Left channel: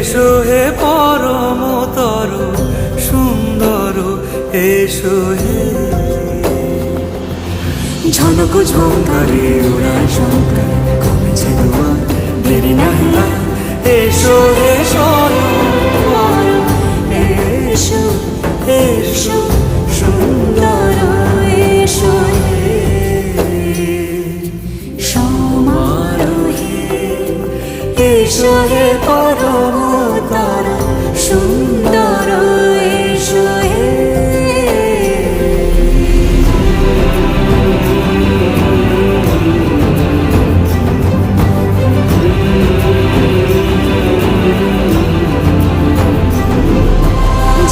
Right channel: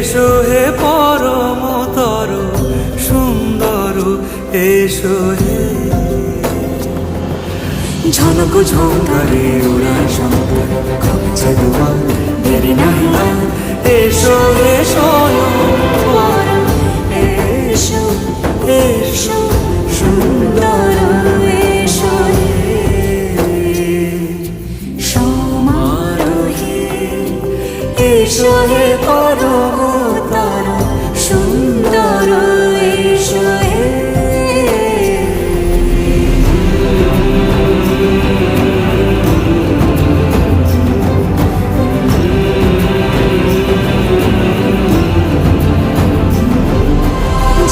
এসো হে পরমতর সুন্দর, এসো হে। ঝনক ঝঙ্কারে উড়ায় শঙ্কারে, কমেছে দুয়ার দেরি নাহি আর। এসো হে স্বয়ং বর, এসো এসো সুন্দর, এসো হে সমারোহে। এসো হে পরমতর সুন্দর, এসো হে।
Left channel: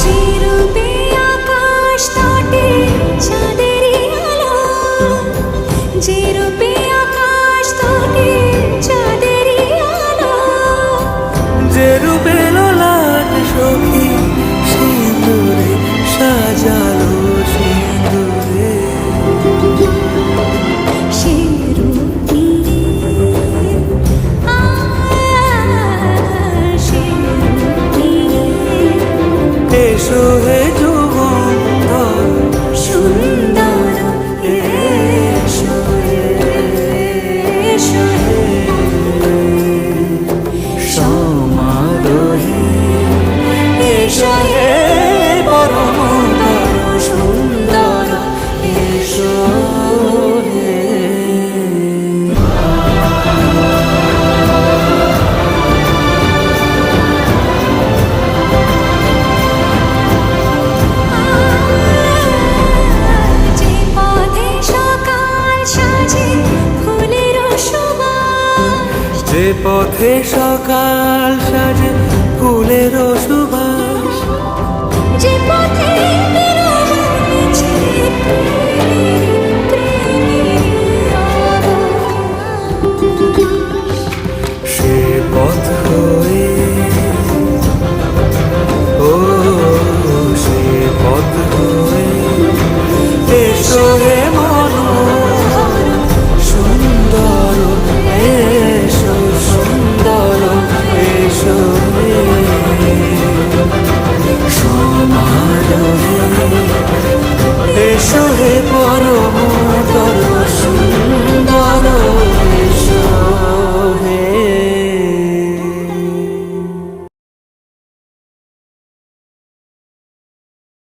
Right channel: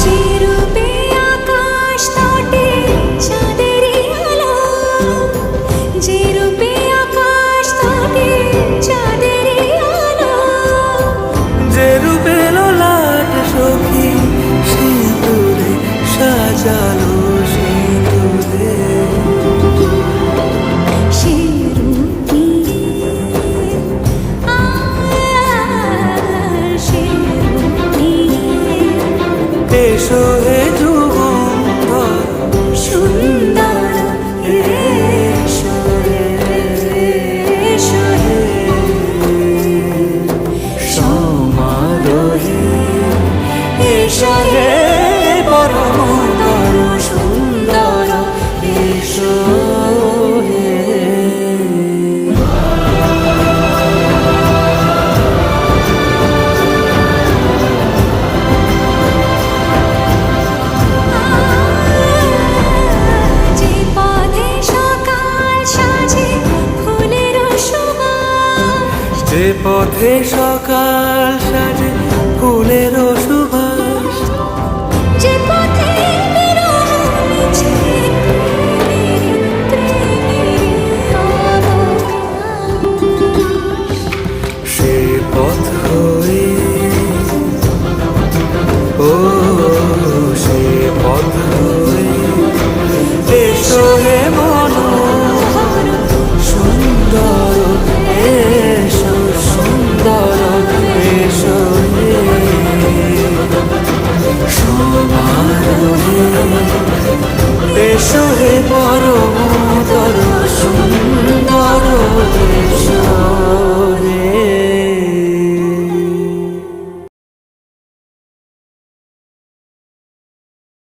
যে রূপে আকাশ তটে চাঁদেরই আলো, যে রূপে আকাশ তটে চাঁদেরই আলো, যে রূপে ললাট সখী সিঁদুরে সাজালো সিঁদুরে। সে রূপ নিয়ে সে রূপ নিয়ে এসো হে যুগন্ধর সুন্দর, এসো এসো হে সমারোহে। এসো হে পরমতর সুন্দর, এসো হে। যে পথে সকাল সাজে ফুলের সুবাস, যে পথে বিরহ মিছে প্রেমেরই প্রেমেরই অবকাশ, সে পথ হয়ে ও সে পথ হয়ে এসো হে মনোহর সুন্দর, এসো সুন্দর, এসো হে সমারোহে। এসো হে পরমতর সুন্দর, এসো হে।